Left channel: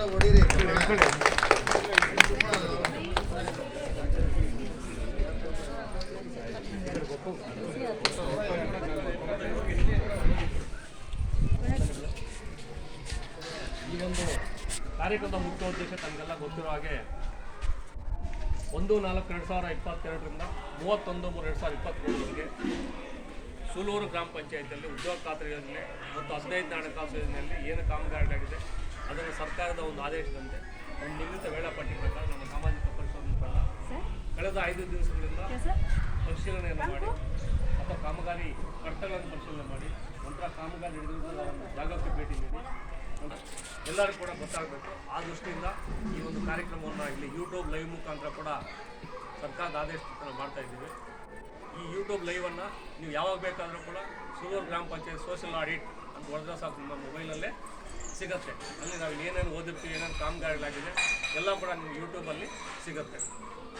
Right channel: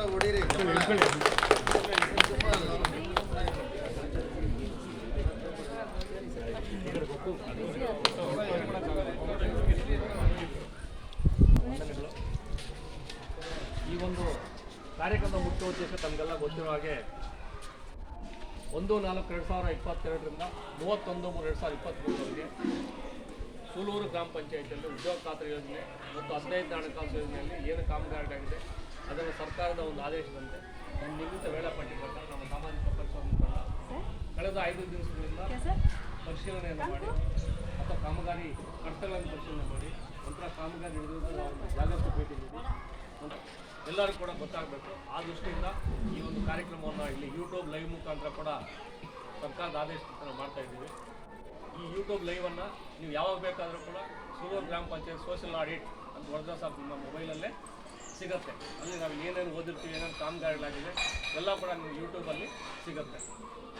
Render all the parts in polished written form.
ಈ ಒಂದು ಕಾರ್ಯಕ್ರಮದ ಮುಖ್ಯ ಉದ್ದೇಶ ತಮಗೆಲ್ಲ ಗೊತ್ತಿರೋ ಹಾಗೆ 1/4/2022ರಿಂದ 31/3/2023ವರೆಗೆ ಸೂಲೂರು ಗ್ರಾಮ ಪಂಚಾಯತಿಯಲ್ಲಿ ಉದ್ಯೋಗ ಖಾತ್ರಿ ಯೋಜನೆ ಮತ್ತು 15ನೇ ಹಣಕಾಸು ಯೋಜನೆಯಲ್ಲಿ ಏನು ಕಾಮಗಾರಿಗಳಾಗಿದೆ ಅದನ್ನು ಸರ್ಕಾರದ ಒಂದು ಆದೇಶದಂತೆ ಒಂದು ನಿಗದಿತ ವೇಳಾಪಟ್ಟಿ ಪ್ರಕಾರ ನಮ್ಮ ಸಾಮಾಜಿಕ ಪರಿಶೋಧನಾ ತಂಡ ಕಳೆದ 5 ದಿವಸಗಳಿಂದ ಪರಿಶೀಲನೆಯನ್ನು ಮಾಡಿ ಅಥವಾ ಕಾಮಗಾರಿ ಕರ್ತವ್ಯಗಳನ್ನು ಪರಿಶೀಲನೆ ಮಾಡಿ ನಂತರ ಕಾಮಗಾರಿ ಹಿಡಿದಿರುವ ಜಾಗಕ್ಕೆ ಭೇಟಿ ನೀಡಿ ಎಲ್ಲರೂ ಕೂಡ ಗೊತ್ತಾಗಬೇಕು. ಆ ದೃಷ್ಟಿಯಿಂದ ಈ ಒಂದು ಕಾರ್ಯಕ್ರಮವನ್ನು ಇಲ್ಲಿ ಯೂಟ್ಯೂಬ್ ಲೈವ್ ಮುಖಾಂತರ ಕೂಡ ಸರ್ಕಾರದ ಆದೇಶದಿಂದ ಮಾಡ್ತಾ ಇದ್ದೀವಿ. ಈ ಯೂಟ್ಯೂಬ್ ಲೈವನ್ನು ನೀವು ಯಾವಾಗ ಬೇಕಾದರೂ ಕೂಡ ಸೂಲೂರು ಗ್ರಾಮ ಪಂಚಾಯತ್ ಸೋಷಿಯಲ್ ಆಡಿಟ್ ಅಂತ ವರ್ಗ ಸಾಕು ನಿಮ್ಮ ಮೊಬೈಲಲ್ಲೇ ಸಿಗುತ್ತೆ. ಅಲ್ಲಿ ನಾವು ಏನೇನು ಓದಿರ್ತೀವಿ, ಏನೇನು ಕಾಮಗಾರಿಗಳಾಗಿದೆ ಎಲ್ಲ ಕೂಡ ನೀವು ಯೂಟ್ಯೂಬಲ್ಲಿ ಸಿಗುತ್ತೆ.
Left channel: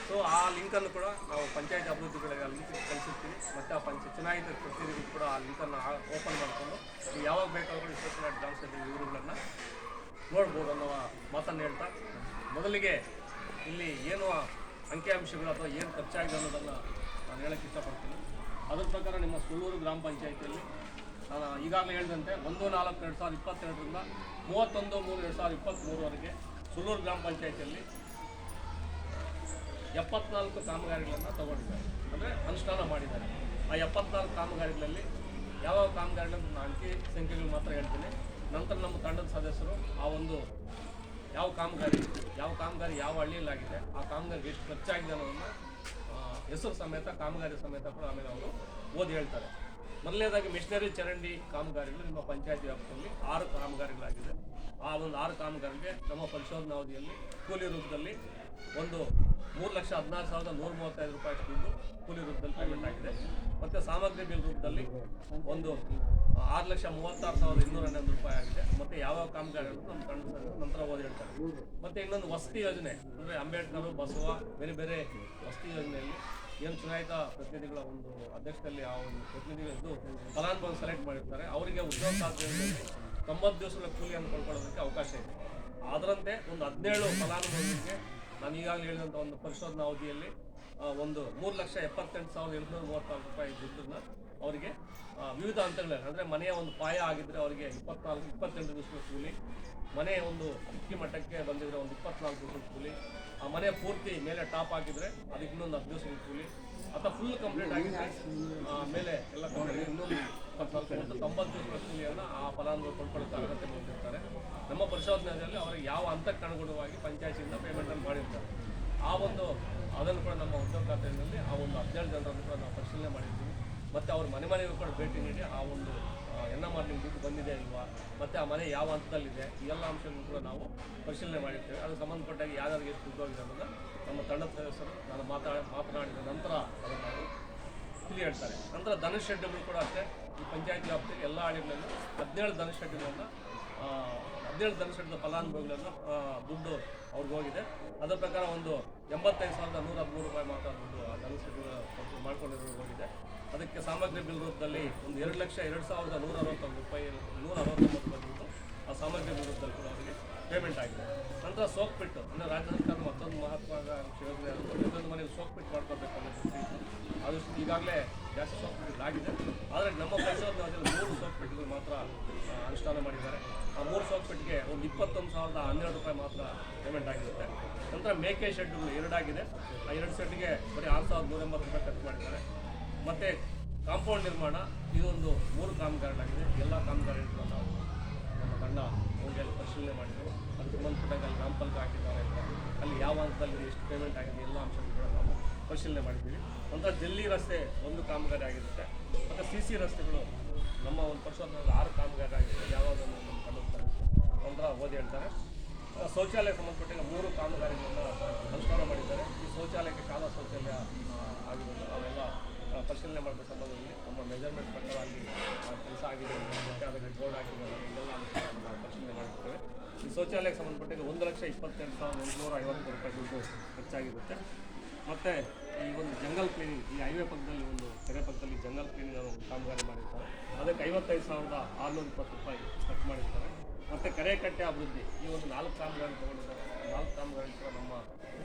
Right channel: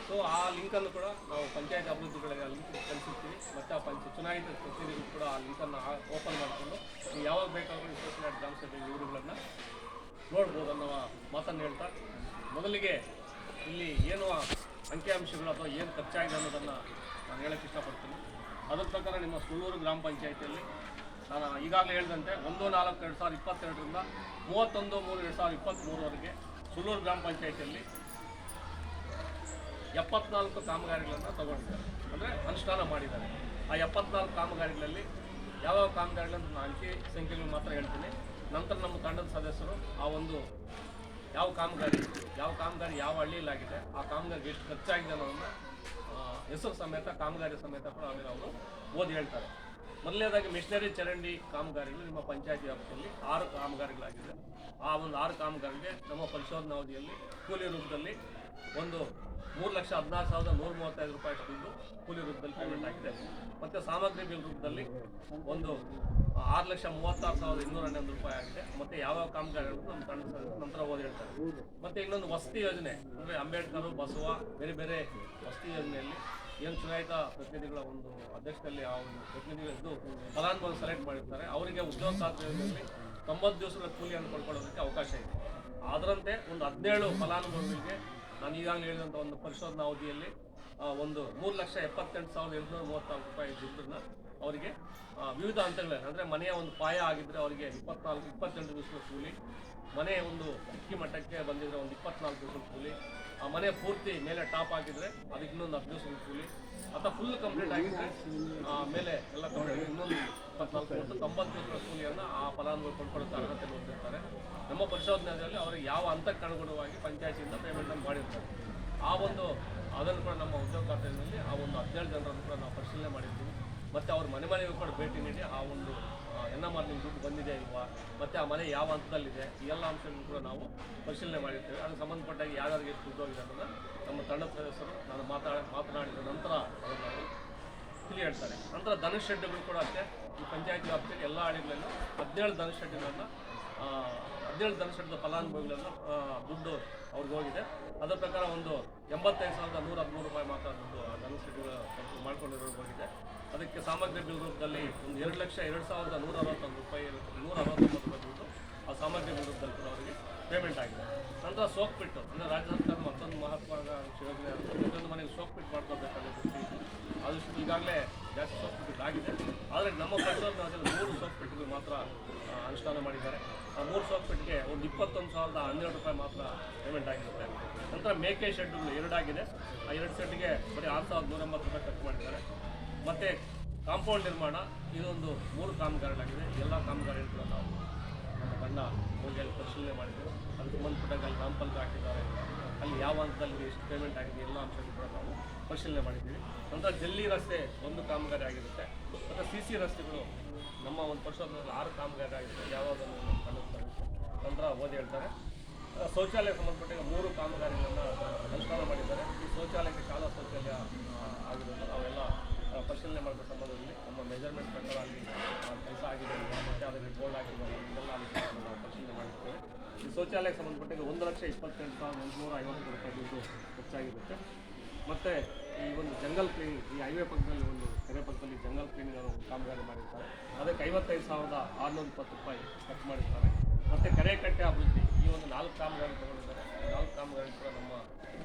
ಸೊ ಆ ಲಿಂಕನ್ನು ಕೂಡ ನಾವು ಪಂಚಾಯತ್ ಅಭಿವೃದ್ಧಿಗಳಿಗೆ ಲಿಂಕ್ ಕಳಿಸಿರ್ತೀವಿ. ಮತ್ತು ಆ ಚುನಾಯಿತ ಪ್ರತಿನಿಧಿಗಳು ಕೂಡ ಆ ಲಿಂಕನ್ನು ಓಪನ್ ಮಾಡಿಕೊಂಡು ನೀವು ಯಾವಾಗ ಬೇಕಾದರೂ ಸೋಷಿಯಲ್ ಆಡಿಟ್ ಗ್ರಾಮ ಸಭೆ ವಿವರಗಳನ್ನು ನೋಡ್ಬೋದು ಅನ್ನೋ ಮಾತನ್ನು ಹೇಳ್ತಾ, ಮೊದಲಿಗೆ ಇಲ್ಲಿ ಏನು ಅಂಕಿಅಂಶಗಳು ಅಥವಾ ಏನು ಖರ್ಚಾಗಿದೆ ಅನ್ನೋದನ್ನು ನಾನು ಹೇಳೋಕ್ಕೆ ಇಷ್ಟಪಡ್ತೀನಿ. ಅದರ ಪ್ರಕಾರ ನಿಮ್ಮ ಸೂಲೂರು ಗ್ರಾಮ ಪಂಚಾಯತಿಯಲ್ಲಿ ನಾನು ಈಗಾಗಲೇ ಹೇಳಿದಂತೆ 1/4/2022ರಿಂದ 31/3/2023ವರೆಗೆ ಸೂಲೂರು ಗ್ರಾಮ ಪಂಚಾಯತಿಯಲ್ಲಿ 74 ಕಾಮಗಾರಿಗಳನ್ನು ತಗೊಂಡಿದ್ದಾರೆ, ಅಂದರೆ ಅನುಷ್ಠಾನ ಮಾಡಿದ್ದಾರೆ. ಆ 74 ಕಾಮಗಾರಿಗಳಲ್ಲಿ ಯಾವ ಕಾಮಗಾರಿಗಳನ್ನು ನಾನು ಅಂಕಿ ಸಂಖ್ಯೆಗಳು ಮಾತ್ರ ಹೇಳ್ತೀನಿ. ನಂತರ ನಮ್ಮ ತಂಡದ ಸದಸ್ಯರು ಆ ಒಂದು ಯಾವ ಕಾಮಗಾರಿ ಯಾವ ಹಳ್ಳಿಯಲ್ಲಾಗಿದೆ, ಆ ಕಾಮಗಾರಿಗೆ ಎಷ್ಟು ಖರ್ಚಾಗಿದೆ ಅನ್ನೋದನ್ನು ಹೆಸರು ಸಮೇತ ಕಾಮಗಾರಿ ಸಮೇತ ಕೂಡ ಆಮೇಲೆ ಅವರು ಓದಿ ಹೇಳ್ತಾರೆ. ಮೊದಲನೇದಾಗಿ ಮಿಷನರಿ ಚರಂಡಿ ಕಾಮಗಾರಿಗಳು ನಿಮ್ಮ ಪಂಚಾಯತಿ ವ್ಯಾಪ್ತಿಯಲ್ಲಿ 6 ಕಾಮಗಾರಿಗಳಾಗಿದೆ. ಆ ಒಂದು 6 ಕಾಮಗಾರಿಗೆ ನಮ್ಮ ಪರಿಶೋಧನಾ ಅವಧಿಯಲ್ಲಿ ಕೂಲಿ ರೂಪದಲ್ಲಿ ಒಂದು 3,16,135 ರೂಪಾಯಿ ದುಡ್ಡು ಕೂಲಿ ರೂಪದಲ್ಲಿ ಪೇಮೆಂಟ್ ಆಗಿದೆ. ಮತ್ತು ಸಾಮಗ್ರಿ ಬಿಲ್ ರೂಪದಲ್ಲಿ ಒಂದು 6,36,211 ರೂಪಾಯಿ ಆಗಿದೆ. ಮತ್ತು ಯಾವ ಕಾಮಗಾರಿಗಳು ನಮ್ಮ ತಂಡ ನಂತರ ಓದಿ ಹೇಳ್ತಾರೆ. ಮತ್ತು ಇನ್ನೊಂದು ವಸತಿ ಯೋಜನೆ, ಅಂದರೆ ಅಂಬೇಡ್ಕರ್, ಬಸವ, ಬೇರೆ ಬೇರೆ ವಸತಿ ಯೋಜನೆಯಲ್ಲಿ ಏನು ಚುನಾಯಿತ ಪ್ರತಿನಿಧಿಗಳ ಒಂದು ಅಧ್ಯಕ್ಷತೆಯಲ್ಲಿ ಆ ಒಂದು ಪ್ರತಿನಿಧಿಗಳಿದ್ದು ಫಲಾನುಭವಿ ಸೆಲೆಕ್ಟ್ ಮಾಡಿರ್ತಾರೆ. ಅವರಿಗೆ ಉದ್ಯೋಗ ಖಾತ್ರಿ ಯೋಜನೆಯಲ್ಲಿ 90 ದಿವಸಗಳ ಕೂಲಿಯನ್ನು ಪಡ್ಕೊಳ್ಳೋದಕ್ಕೆ ಅವಕಾಶ ಇದೆ. ಅದರಂತೆ ಒಂದು 17 ಫಲಾನುಭವಿಗಳಿಗೆ ನಾನು ಈಗಾಗಲೇ ಹೇಳಿದಂಥ ಒಂದು ಪರಿಶೋಧನಾ ಅವಧಿಯಲ್ಲಿ ಒಂದು 3,78,834 ರೂಪಾಯಿ ದುಡ್ಡನ್ನು ಅವರಿಗೆ ವಿವಿಧ ಹಂತಗಳಲ್ಲಿ, ಅಂದರೆ ಮನೆಯ ಒಂದು ಪಾಯ ಆಗಿದ್ದರೆ ಅವರಿಗೆ 24-28 ದಿವಸಗಳ ಕೂಲಿ, ಮನೆ ಒಂದು ಇಕ್ಕಿ ಮಟ್ಟಕ್ಕೆ ಬಂದಿದ್ದರೆ ಒಂದು 24 ದಿವಸದ ಕೂಲಿ, ಆ ಮನೆ ಪೂರ್ತಿ ಮೇಲೆ ಟಾಪ್ ಆಗಿದ್ದರೆ ಅದಕ್ಕೆ ಇನ್ನೊಂದು 10 ದಿವಸದ ಕೂಲಿ, ಅಥವಾ ಫುಲ್ ಕಂಪ್ಲೀಟ್ ಆಗಿದ್ದರೆ ಮೇಲೆ ಎಲ್ಲ ಕಂಪ್ಲೀಟ್ ಇನ್ನೊಂದು 24 ಮತ್ತು 90 ದಿವಸಗಳ ಕೂಲಿಯನ್ನು ಆ ಫಲಾನುಭವಿ ಕೊಂಡ್ಕೊಳ್ಳೋಕ್ಕೆ ಅರ್ಹತೆ ಹೊಂದಿರ್ತಾರೆ. ನಮ್ಮ ಪರಿಶೋಧನೆಯಲ್ಲಿ ಅವರಿಗೆ ಯಾವ ಹಂತಕ್ಕೆ ಅನುಗುಣವಾಗಿ ಪಂಚಾಯತಿಯಿಂದ ಪೇಮೆಂಟನ್ನು ಮಾಡಿರ್ತಾರೆ. ಆ ಒಂದು ಅದನ್ನು ಕೂಡ ನಮ್ಮ ಉದ್ಯೋಗ ಖಾತೆಯಲ್ಲಿ ಆ ಒಂದು 17 ಜನರನ್ನು ಕೂಡ ನಾವು ಪರಿಶೀಲನೆ ಮಾಡಿರ್ತೀವಿ. ಮತ್ತು ಅವ್ರ ಮನೆಗೂ ಕೂಡ ಭೇಟಿ ನೀಡಿ ಆ ಒಂದು NMR ನಿಮ್ಮ ದುಡ್ಡು ಬಂದಿದೆ ಇಲ್ವಾ, ಮತ್ತು ಆ ಮನೆ ಯಾವ ಹಂತದಲ್ಲಿದೆ, ಈ ಎಲ್ಲ ಅಂಶಗಳನ್ನು ಕೂಡ ನಾವು ಪರಿಶೀಲನೆ ಮಾಡಿರ್ತೇವೆ. ಅದಕ್ಕೆ ಸಂಬಂಧಪಟ್ಟಾಗಿ ಯಾರ್ಯಾರಿಗೆ ಎಷ್ಟು ದುಡ್ಡು ಹೋಗಿದೆ ಅನ್ನೋದನ್ನು ನಮ್ಮ ತಂಡದ ಸದಸ್ಯರು ನಾನು ಮಾತನಾಡಿದ ನಂತರ ಅದನ್ನು ನಾವು ತಿಳಿ ಹೇಳ್ತಾರೆ. ನಂತರ ಧನುಷ್ ಶೆಡ್ಗಳು ಕೂಡ ಅಷ್ಟೇ ಈ ಪಂಚಾಯತಿ ವ್ಯಾಪ್ತಿಯಲ್ಲಿ ಎಲ್ಲ ಹಳ್ಳಿಗಳಲ್ಲೂ 17 ಧನುಷ್ ಶೆಡ್ಗಳನ್ನು 17 ಧನುಷ್ ಶೆಡ್ದ ಫಲಾನುಭವಿಗಳನ್ನು ದುಡ್ಡು ಅವ್ರಿಗೆ ಹೋಗಿದೆ. ಅದರ ಪ್ರಕಾರ ಒಂದು 85,113 ರೂಪಾಯಿ ಮಾತ್ರ ದುಡ್ಡು ಆ ಧನುಷ್ ಶೆಡ್ಗಳ ಮಾಡ್ಕೊಂಡಿರೋದು ಹೋಗಿದೆ. ಅದಕ್ಕೆ ಸಾಮಗ್ರಿ ಬಿಲ್ ರೂಪದಲ್ಲಿ ಒಂದು 2,02,161 ರೂಪಾಯಿ 169 ರೂಪಾಯಿ ದುಡ್ಡು ಆ ಸಾಮಗ್ರಿ ಬಿಲ್ ರೂಪದಲ್ಲಿ ಕೂಡ ಅವರಿಗೆ ಪೇಮೆಂಟ್ ಆಗಿದೆ. ನಂತರ ಸೋಕ್ ಪಿಟ್ಟು, ಅಂದರೆ ರಾಜ್ಯ ಸರ್ಕಾರದ ಮತ್ತೊಂದು ಮಹತ್ವಾಕಾಂಕ್ಷಿ ಯೋಜನೆ, ಪ್ರತಿಯೊಂದು ಮನೆಗೆ ಸೋಕ್ ಪಿಟ್ ಮಾಡ್ಕೋಬೇಕನ್ನೋ ದೃಷ್ಟಿ ಆದಷ್ಟು ಈಗಾಗಲೇ ಜಾಸ್ತಿ ಸೋಕ್ ಪಿಟ್ಗಳಾಗಿದೆ. ಆದರೆ ನಮ್ಮ ಪರಿಶೋಧನೆ 3 ಸೋಕ್ ಪಿಟ್ಗಳು ಮಾತ್ರ ಅನುಷ್ಠಾನ ಮಾಡಿದ್ದಾರೆ. ಆ 3 ಸೋಕ್ ಪಿಟ್ಗೆ ಒಂದು 21,012 ರೂಪಾಯಿ ಮಾತ್ರ ಪೇಮೆಂಟ್ ಆಗಿರುತ್ತೆ. ನಂತರ ಮೇಕೆ ಶೆಡ್ಗಳು 2 ಆಗಿದೆ. ಆ 2 ಶೆಡ್ಗೆ ಬರೀ 6,180 ರೂಪಾಯಿ ಖರ್ಚು ಮಾಡಿದ್ದಾರೆ. ಮತ್ತು ಕಾಂಪೌಂಡ್ ನಿರ್ಮಾಣ ಇದೊಂದು 3 ಕಾಮಗಾರಿಗಳಾಗಿದೆ. ಎಲ್ಲ ಕಾಮಗಾರಿಗಳು ಕೂಡ ನಾವು ನಮ್ಮ ತಂಡ ಹೋಗಿ ಪರಿಶೀಲನೆ ಮಾಡಿದ್ದೇವೆ. ಅದಕ್ಕೆ ಸಂಬಂಧಪಟ್ಟಾಗ ಅಲ್ಲಿ ನಾಮಫಲಕ ಹಾಕಿದ್ದಾರೆ ಅಂತ, ಅಲ್ಲಿ ಯಾವ ಹಂತದಲ್ಲಿ ಎಷ್ಟು ಪೇಮೆಂಟ್ ಆಗಿದೆ ಎಲ್ಲ ಅಂಶಗಳು ಕೂಡ ನಾವು ಪರಿಶೀಲನೆ ಮಾಡಿದ್ದೀವಿ. ನಂತರ ಜಲ್ಲಿ ರಸ್ತೆ 1 ಕಾಮಗಾರಿ ಆಗಿರುತ್ತೆ. ಮತ್ತು CC ರಸ್ತೆಗಳು ನಮ್ಮ ಒಂದು ಪರಿಶೋಧನೆಯಲ್ಲಿ 6 ಕಾಮಗಾರಿ ಆಗಿರುತ್ತೆ. ಯಾವುದನ್ನು ನಮ್ಮ ತಂಡದ ನಂತರ ಓದಿ ಹೇಳ್ತಾರೆ. ಶೌಚಾಲಯ ಸಂಬಂಧಪಟ್ಟಾಗ 3 ಕಾಮಗಾರಿಗಳನ್ನು ಅನುಷ್ಠಾನ ಮಾಡಿದ್ದಾರೆ. ಈ ಶೌಚಾಲಯಕ್ಕೆ ಶಾಲಾ ಶೌಚಾಲಯ ಆಗಿರೋದು ನಾವೆಲ್ಲ ಪರಿಶೀಲನೆ ಮಾಡಿದ ಸಂಬಂಧದಲ್ಲಿ ನಮ್ಮ ಮೆಜರ್ಮೆಂಟ್ ಪ್ರಕಾರ ಅಲ್ಲಿ ಕೆಲಸ ಆಗಿದೆ, ಮತ್ತು ಅದರಲ್ಲಿ ಬೋರ್ಡ್ ಆಗಿದೆ, ಇದೆಲ್ಲ ನಾವು ಪರಿಶೀಲನೆ ಮಾಡಿರ್ತೇವೆ. ಈ ಶೌಚಾಲಯಕ್ಕೆ ಸಂಬಂಧಪಟ್ಟಾಗ 1,28,150 ರೂಪಾಯಿ ದುಡ್ಡು ಖರ್ಚಾಗಿರುತ್ತೆ. ಮತ್ತು ಈ ಒಂದು ಜಂಗಲ್ ಕ್ಲೀನಿಂಗ್, ಈ ಹೈವೇ ಪಕ್ಕದಲ್ಲಿ ಒಂದು ಕೆರೆ ಪಕ್ಕದಲ್ಲಿ ಜಂಗಲ್ ಕ್ಲೀನಿಂಗ್ ಅನ್ನೋ ಕಾಮಗಾರಿ ಮಾಡಿರ್ತಾರೆ. ಅದಕ್ಕೆ 55,620 ರೂಪಾಯಿ ಖರ್ಚು ಮಾಡಿರ್ತಾರೆ. ಮತ್ತು ಕೆರೆಕಟ್ಟೆ ಅಭಿವೃದ್ಧಿ ಈ ಒಂದು 4 ಕಾಮಗಾರಿ ತೊಗೊಂಡಿದ್ದಾರೆ. 4 ಕಾಮಗಾರಿ ಕೂಡ ನಮ್ಮ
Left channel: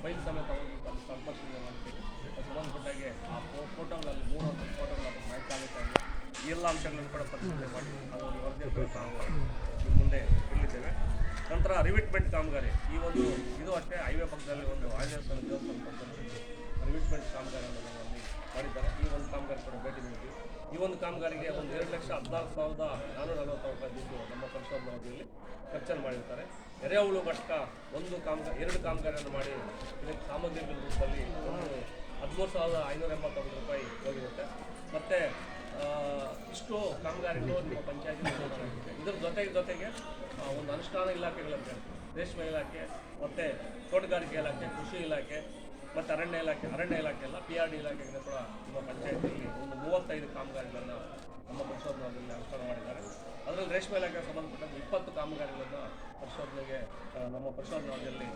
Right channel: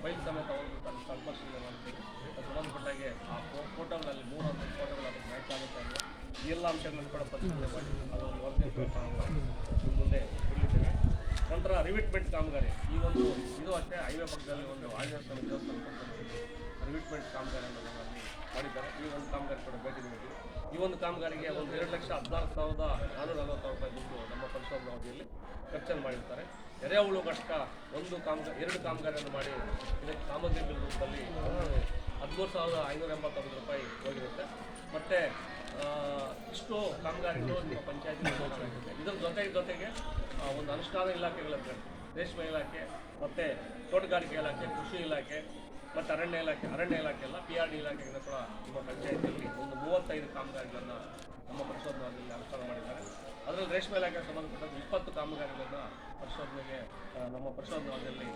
ಫೈಲ್ ಸಮೇತ ಹೋಗ್ಬಿಟ್ಟು ಅಲ್ಲಿ ಸ್ಥಳ ಪರಿಶೀಲನೆ ಮಾಡಿದ್ದೀವಿ. ಅದು ಸಂಬಂಧಪಟ್ಟಾಗೆ ಆ ಫೋಟೋಗಳಲ್ಲಿ 3 ಫೋಟೋಗಳು ಅದಕ್ಕೆ ಮ್ಯಾಚ್ ಆಗುತ್ತೆ ಅಂದರೆ ಈ ಎಲ್ಲ ಅಂಶಗಳನ್ನು ಕೂಡ ಪರಿಶೀಲನೆ ಮಾಡಿ ಅದೊಂದು ವರದಿಯನ್ನು ಕೂಡ ನಾವು ನಿಮ್ಮ ಮುಂದೆ ಇಲ್ಲಿದ್ದೇವೆ. ನಂತರ ರಿವಿಟ್ಮೆಂಟ್ ಕಾಮಗಾರಿ ಈ ಒಂದು ಇದು ಅಷ್ಟೇ ಹೈವೇ ಪಕ್ಕದಲ್ಲಿ ಒಂದು ಆಂಜನೇಯ ಸ್ವಾಮಿ ದೇವಸ್ಥಾನ ಪಕ್ಕದಲ್ಲಿ ರಿವಿಟ್ಮೆಂಟ್ ಕಾಮಗಾರಿಯನ್ನು ಅಲ್ಲಿ ಮಾಡಿದ್ದಾರೆ. ಈ ಒಂದು ಕಾಮಗಾರಿ ಕೂಡ ಭೇಟಿ ನೀಡಿದ್ದೀವಿ. ಈ ಒಂದು ಕಾಮಗಾರಿಗೆ ಒಂದು 2,14,440 ರೂಪಾಯಿ ದುಡ್ಡು ನಮ್ಮ ಪರಿಶೋಧನಾ ಅವಧಿಯಲ್ಲಿ ಖರ್ಚನ್ನು ಮಾಡಿರ್ತಾರೆ. ಎರೆಹುಳು ಘಟಕ 2 ಕಾಮಗಾರಿಯನ್ನು ಮಾಡಿ ಇದಕ್ಕೆ ಸಾಮಗ್ರಿ ಬಿಲ್ ರೂಪದಲ್ಲಿ ಒಂದು 13,589 ರೂಪಾಯಿ ಹೋಗಿರುತ್ತೆ. ಮತ್ತು ಇಷ್ಟು ಕಾಮಗಾರಿಗಳು ನಿಮ್ಮ ಪಂಚಾಯತಿ ನಿರ್ವಹಣೆಯಾಗಿದೆ. ಇದರ ಜೊತೆಗೆ ಒಂದು ಅನುಷ್ಠಾನ ಇಲಾಖೆಗಳಿವೆ. ರೇಷ್ಮೆ ಇಲಾಖೆ ಮತ್ತು ತೋಟಗಾರಿಕೆ ಇಲಾಖೆ, ಕೃಷಿ ಇಲಾಖೆ ಮತ್ತು ಅರಣ್ಯ ಇಲಾಖೆ ಎಲ್ಲ PRD ಇಲಾಖೆಗಳು ಕೂಡ ನಿಮ್ಮ ಪಂಚಾಯತಿಯಲ್ಲಿ ಒಂದು 35 ಕಾಮಗಾರಿಗಳನ್ನು ನಮ್ಮ ಪರಿಶೋಧನೆಯಲ್ಲಿ ಅನುಷ್ಠಾನ ಮಾಡಿದ್ದಾರೆ. ಅದರಲ್ಲಿ ರೇಷ್ಮೆ ಇಲಾಖೆಗೆ ಸಂಬಂಧಪಟ್ಟಂತೆ 20 ಕಾಮಗಾರಿಗಳನ್ನು ಪರಿಶೋಧನೆಗೆ ನಮ್ಮ ಪರಿಶೋಧನೆಯಲ್ಲಿ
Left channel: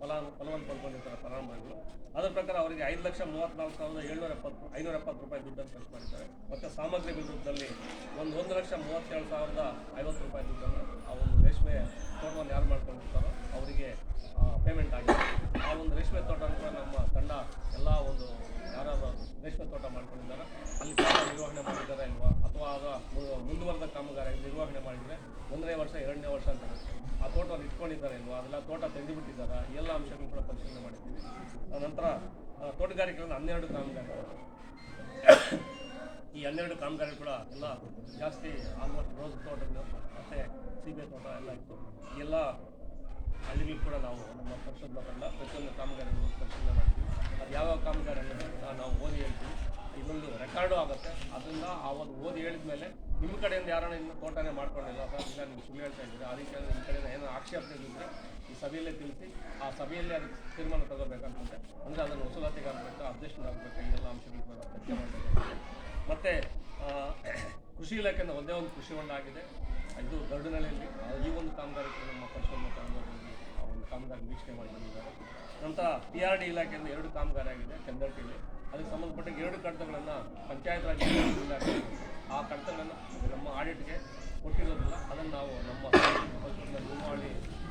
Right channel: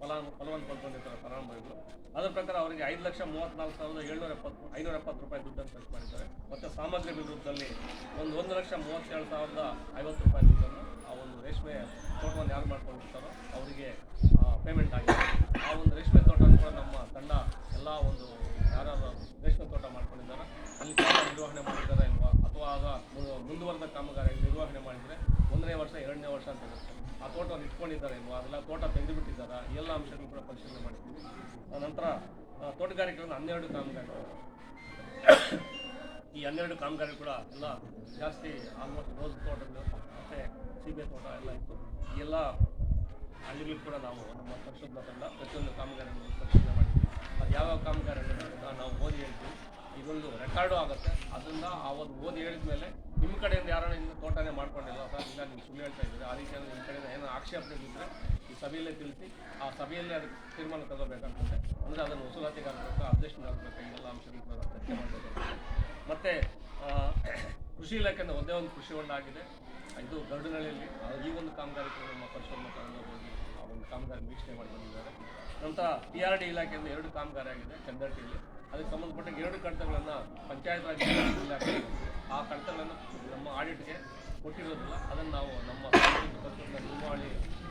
ಫಲವನ್ನು ಪಡ್ಕೊಂಡಿರ್ತಾರೆ ಫಲಾನುಭವಿಗಳು. ಅದರ ಪ್ರಕಾರ ಅವರಿಗೆ 5,34,570 ರೂಪಾಯಿ ದುಡ್ಡನ್ನು ಖರ್ಚು ಮಾಡಿದ್ದಾರೆ. ಮತ್ತು ಸಾಮಗ್ರಿ ವಿರುದ್ಧದಲ್ಲಿ ಒಂದು 1,37,050 ರೂಪಾಯಿ ದುಡ್ಡನ್ನು ಆ ಒಂದು ರೇಷ್ಮೆ ತೋಟವನ್ನು ಯಾರು ಮಾಡ್ಕೊಂಡಿರ್ತಾರೋ ಅವರಿಗೆ ಪೇಮೆಂಟ್ ಆಗಿದೆ. ಆ ಒಂದು ರೇಷ್ಮೆ ತೋಟ ಕೂಡ ನಮ್ಮ ತಂಡ ಎಲ್ಲ ಒಂದು ಯಾರು ರೇಷ್ಮೆ ತೋಟ ಮಾಡ್ಕೊಂಡಿದ್ದಾರೆ ಅಲ್ಲಿ ತೋಟ ನಿರ್ವಹಣೆ ಮಾಡಿದ್ದಾರೆ ಇಲ್ವಾ, ಅಥವಾ ಆಗ ಮುಂದುವರೆದ ಕಾಮಗಾರಿ ನಿರ್ವಹಣೆ ಮಾಡಿದರೆ 1ನೇ ವರ್ಷ 2ನೇ ವರ್ಷ ಅಂತ ಇರುತ್ತೆ. ಆ ತೋಟವನ್ನು ಇಟ್ಕೊಂಡಿದ್ದಾರೆ ಇಲ್ವಾ, ಅದೆಲ್ಲ ತೋಟ ತೆಗೆದುಬಿಟ್ಟಿದ್ದಾರೆ, ಈ ಎಲ್ಲ ಅಂಶಗಳನ್ನು ಕೂಡ ಪರಿಶೀಲನೆ ಮಾಡಿದ್ದೀವಿ. ನಂತರ ತೋಟಗಾರಿಕೆಗಳನ್ನು 12 ಕಾಮಗಾರಿಗಳು ಈ 12 ಕಾಮಗಾರಿ ಕೂಡ ಎಲ್ಲ ಜಾಸ್ತಿ ಆಲ್ಮೋಸ್ಟ್ ರೋಸ್ ತೋಟಗಳು ಮತ್ತು ಸೀಬೆ ತೋಟ ಎಲ್ಲ ಇತ್ತು. ಈ ಎಲ್ಲ ಹಳ್ಳಿಗಳು ಕೂಡ ನಾವು ನಮ್ಮ ಪರಿಶೋಧನಾ ತಂಡ ಪ್ರತಿಯೊಂದು ಕಾಮಗಾರಿಯನ್ನು ಪರಿಶೀಲನೆ ಮಾಡ್ತೀವಿ. ಅದು ಯಾವ್ಯಾವ ಕಾಮಗಾರಿ ಅನ್ನೋದನ್ನು ನಾವು ಓದಿ ಹೇಳ್ತೀವಿ. ಇದೊಂದು ರೆಕಾರ್ಡು ಆಗುತ್ತೆ. ಅದರಿಂದ ಆ ಒಂದು ಓದಿ ಹೇಳಿದ ಮೇಲೆ ನಿಮ್ಮ ಕಡೆಯಿಂದ ಯಾರನ್ನ ಇನ್ನು ತೋಟನೇ ಮಾಡ್ಕೊಂಡಿಲ್ಲ ಸರ್, ಇಲ್ಲ ನೀವು ಸುಳ್ಳು ಹೇಳ್ತಾ ಇದ್ದೀರಿ, ಆ ರೀತಿಯಲ್ಲಿ ನಿಮ್ಮ ಕಡೆಯಿಂದ ಏನೋ ಆಕ್ಷೇಪಣೆಗಳಿದ್ದರೆ ಈ ಸಭೆಯಲ್ಲೇ ತಿಳಿಸಿ ಆ ಸಭೆಯಲ್ಲೇ ಅದಕ್ಕೆ ತೀರ್ಮಾನ ತಗೋಬೇಕಂತಂದರೆ ಅಂದರೆ ಅದನ್ನು ವಸೂಲಾತಿಗೆ ಆಗಬೇಕು, ಅಬ್ಜೆಕ್ಷನ್ ಆಗಬೇಕು, ಎಲ್ಲ ಅಂಶಗಳು ಚರ್ಚೆ ಮಾಡಬೇಕಾಗುತ್ತೆ. ಮತ್ತು ಕೃಷಿ ಇಲಾಖೆಯಿಂದ ಒಂದೇ ಒಂದು ಕೃಷಿ ಹೊಂಡ ಆಗಿದೆ, ಇದು ಗರುಡನಹಳ್ಳಿಯಲ್ಲಿ. ಈ ಒಂದು ಕಾಮಗಾರಿ ನಮ್ಮ ಪರಿಶೋಧನಾ ತಂಡ ಹೋಗಿ ಆ ಒಂದು ಕಾಮಗಾರಿ ವೀಕ್ಷಣೆ ಮಾಡಿ ಬಂದಿದ್ದಾರೆ. ನಂತರ PRD ಇಲಾಖೆಯಿಂದ 2 ಕಾಮಗಾರಿ ಆಗಿದೆ ಚಂದಟ್ಟಿಯಲ್ಲಿ. ಅದಕ್ಕೆ ಸಂಬಂಧಪಟ್ಟ 2 ಕಡತಗಳನ್ನು ಪಂಚಾಯತ್ ರಾಜ್ ಇಲಾಖೆ ಆ ಕಡತಗಳನ್ನು ನಮ್ಮ ಆಡಿಟ್ಗೆ ಕೊಟ್ಟಿರೋದಿಲ್ಲ. ಅದನ್ನು ನಾವು ನಮ್ಮ ಪರಿಶೋಧನಾ ನಿಯಮಾವಳಿ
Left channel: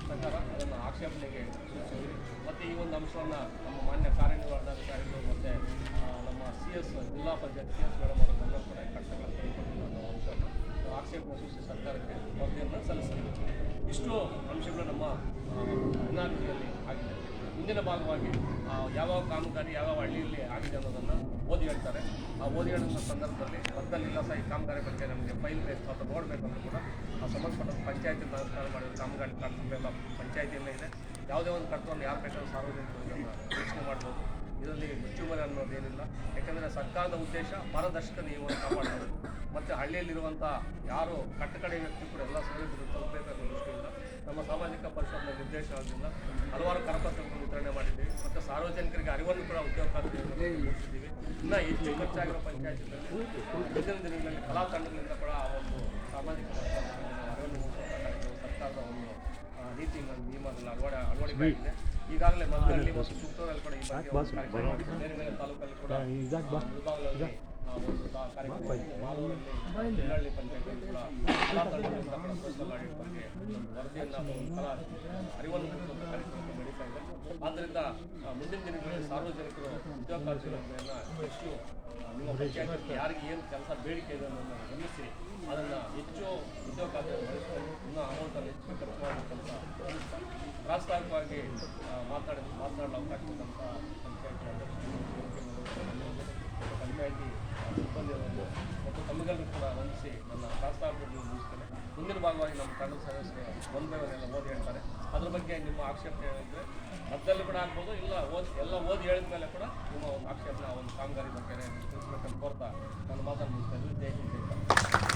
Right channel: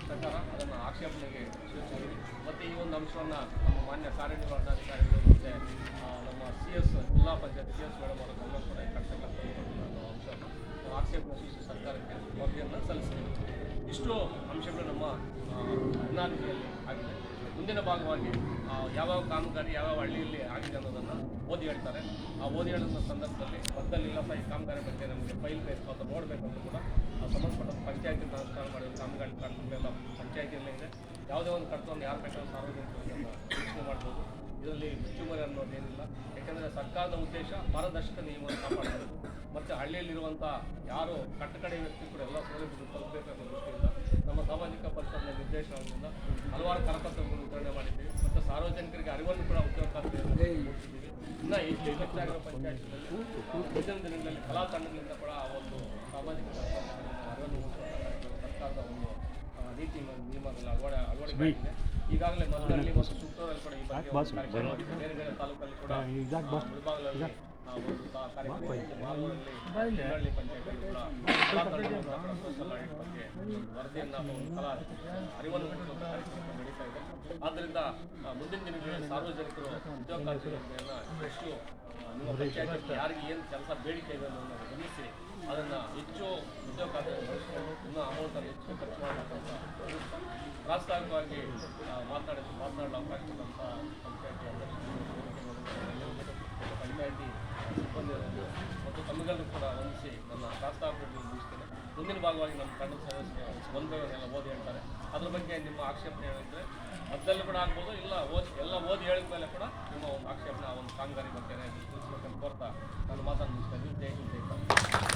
ಪ್ರಕಾರ ಅದನ್ನು ಆಕ್ಷೇಪಣೆಗೆ ಸೂಚಿಸಿದ್ದೀವಿ. ಮತ್ತು ಈ ಒಂದು ಅಂಶವನ್ನು ನಮ್ಮ ಮಾನ್ಯ ಕಾರ್ಯನಿರ್ವಹಣಾಧಿಕಾರಿಗಳು ಮತ್ತು ನಮ್ಮ CS ಜಿಲ್ಲಾ ಪಂಚಾಯತ್ CS ಮೇಡಮ್ ಅವರನ್ನೆಲ್ಲ ಕೂಡ ಕಡತಗಳನ್ನು ತಂದುಕೊಟ್ಟಿಲ್ಲ ಅನ್ನೋ ಅಂಶವನ್ನು ನಾವು ಆಕ್ಷೇಪಣೆ ಸೂಚಿಸಿ ಸರ್ಕಾರಕ್ಕೆ ವರದಿಯನ್ನು ಸಲ್ಲಿಸ್ತೀವಿ. ಇಷ್ಟು ಅಂಶಗಳು ನಮ್ಮ ಅನಾದಿಯಲ್ಲಿ ಆಗಿದೆ. ಮುಂದಿನ ಭಾಗವಾಗಿ ಯಾವ್ಯಾವ ಕಾಮಗಾರಿ ಯಾವ್ಯಾವ ಹಳ್ಳಿಯಲ್ಲಿ ಆಗಿದೆ ಅನ್ನೋದನ್ನು ಓದಿ ಹೇಳ್ತಾರೆ. ಆ ಓದಿ ಹೇಳೋ ಸಂದರ್ಭದಲ್ಲಿ ಮದ್ದಲ್ಲಿಲ್ಲ ಸಹ ಈ ಕಾಮಗಾರಿ ಬಗ್ಗೆ ನಮಗೆ ಫೈಲ್ ಬೇಕು ಅಥವಾ ನೋಡಬೇಕಂದ್ರೂ ಕೂಡ ಸಂಬಂಧಪಟ್ಟ ಪಂಚಾಯತಿಯಿಂದ ಅನುಷ್ಠಾನ ಮಾಡಿರೋ ಕಾಮಗಾರಿ ಕರ್ತವ್ಯೆಲ್ಲ ಪಂಚಾಯತಿಯಲ್ಲೇ ಇದೆ. ಯಾವುದೇ ಒಂದು ಕರ್ತವ್ಯವನ್ನು ಯಾರು ಬೇಕಾದ್ರೂ ಸಾರ್ವಜನಿಕರು ಇದನ್ನು ವೀಕ್ಷಣೆ ಮಾಡ್ಬೋದು. ಇದರಲ್ಲಿ ಮುಚ್ಚುಮರೆ ಅನ್ನೋದೇನಿಲ್ಲ. ಯಾಕೆಂದರೆ ಸರ್ಕಾರದ ಉದ್ದೇಶ ಪಾರದರ್ಶಕ ನಿಯಮವನ್ನು ಕಾಪಾಡಬೇಕು ಮತ್ತು ಹಳ್ಳಿಯಲ್ಲಿರುವಂಥ ಯಾರು ಕಟ್ಟಕಡೆ ವ್ಯಕ್ತಿ ಕೂಡ ಎಲ್ಲ ಸೌಲಭ್ಯಗಳು ತಲುಪಬೇಕು ಅನ್ನೋ ದೃಷ್ಟಿಯಿಂದ ನಮ್ಮ ಸಾಮಾಜಿಕ ಪರಿಶೋಧನೆ ನಿರ್ದೇಶನದಿಂದ ಹಲವಾರು ಕರಪತ್ರಗಳನ್ನು ವಿತರಣೆ ಮಾಡಿದ್ದೀವಿ. ಮತ್ತು ಸಾರ್ವಜನಿಕರಿಗೆ ಅರಿವನ್ನು ಕೂಡ ಉದ್ಯೋಗಕಾರಿಗಳನ್ನು ಮೂಡಿಸಿದ್ದೀವಿ. ಇನ್ನೂ ಹೆಚ್ಚು ಖರ್ಚಾಗಿರೋ ಪಂಚಾಯತಿಗಳಲ್ಲಿ ಮುಂದಿನ ದಿನಗಳಲ್ಲಿ ಕಲಾ ತಂಡಗಳಿಂದ ಕೂಡ ಆ ಒಂದು ಸಾಮಾಜಿಕ ಪರಿಶೋಧನೆಯಲ್ಲಿ ನಾವು ಅರಿವನ್ನು ಮೂಡಿಸುವಂಥ ಕಾರ್ಯಕ್ರಮ ಸರ್ಕಾರದ ಒಂದು ನೀತಿ ನಿಯಮಗಳ ಅಳವಡಿಕೆ ಆಗಿದೆ. ಈಗಾಗಲೇ ಮದ್ದಹಳ್ಳಿ ಮತ್ತು ಸುತ್ತೂರಲ್ಲಿ ಕೂಡ ಈ ಬಗ್ಗೆ ಒಂದು ಕಾರ್ಯಕ್ರಮ ಮಾಡಿದೆ. ಬೇರೆ ಬೇರೆ ತಾಲೂಕಲ್ಲಿ ಕೂಡ ಮುಳಬಾಗಿಲಲ್ಲಿ ಒಂದು ಕಾರ್ಯಕ್ರಮ ಮಾಡಿದೆ. ಮಾಲೂರಲ್ಲಿ ಹಿನ್ನಳ್ಳಿ ಪಂಚಾಯತಿಯಲ್ಲಿ ಕೂಡ ಕಲಾ ತಂಡಗಳಿಂದ ಕೂಡ ಸೋಷಿಯಲ್ ಆಡಿಟ್ ಬಗ್ಗೆ ಒಂದು ವರದಿಯನ್ನು ಅಥವಾ ಒಂದು ಕಲಾ ಅರಿವನ್ನು ಮೂಡಿಸುವಂಥ ಕಾರ್ಯಕ್ರಮ ನಡೀತಾ ಇದೆ. ಆದ್ದರಿಂದ ಮುಂದಿನ ದಿನಗಳಲ್ಲಿ ಸಾರ್ವಜನಿಕರು ಉದ್ಯೋಗಕಾರ್ಯಗಳನ್ನು ಹೆಚ್ಚು ನಿಮ್ಮ ಪಂಚಾಯತ್ ಯಾರಿಗೆ ಏನು ಕೆಲಸ ಬೇಡಿಕೆ ಇದೆ ಅನ್ನೋದನ್ನು ಗಮನಿಸಿ ಅದನ್ನು ಹೆಚ್ಚು ಉದ್ಯೋಗಕಾರ್ಯಗಳನ್ನು ಬಳಸಿಕೊಂಡು ಇನ್ನೂ ಅಮೌಂಟನ್ನು ಹೆಚ್ಚು ಖರ್ಚು ಮಾಡಬೇಕಂತ ಪ್ರಾಸ್ತಾವಿಕವಾಗಿ ಮಾತನಾಡಲು ಅವಕಾಶ ಕೊಟ್ಟಂಥ ಪಂಚಾಯತಿ ಅಧ್ಯಕ್ಷರು, ಪಂಚಾಯತಿ ಸಿಬ್ಬಂದಿಗಳನ್ನು ಮತ್ತು ತಮ್ಮಿಗೆಲ್ಲರೂ ಕೂಡ ವಂದಿಸಿ ನನ್ನ ಪ್ರಾಸ್ತಾವಿಕಗಳನ್ನು ಮುಗಿಸ್ತೇನೆ. ಮುಂದಿನ ಭಾಗವಾಗಿ ನಮ್ಮ ತಂಡದ ಸದಸ್ಯರು 1 by 1 ಎಲ್ಲ ಓದಿ ಹೇಳ್ತಾರೆ. ಅದ್ರ ಬಗ್ಗೆ ನಿಮ್ಮ ಆಕ್ಷೇಪಣೆ ಹೇಳಿದರೆ ಮದ್ದಲ್ಲೂ ಕೂಡ ಆಗ್ಬೋದು, ಇಲ್ಲ ಎಲ್ಲ ಓದಿ ಹೇಳಿದ ಮೇಲೆ ಕೂಡ ನಿಮ್ಮ ಒಂದು ಆಕ್ಷೇಪಣೆ ಆ ಒಂದು ಕಾಮಗಾರಿ ಬಗ್ಗೆ ತಿಳಿಸ್ಬೇಕಂತ ಕೋರ್ತಾ ನಾನು ಮಾತನ್ನು ಮುಗಿಸ್ತೇನೆ. ಜೈ ಹಿಂದ್, ಜೈ ಕರ್ನಾಟಕ.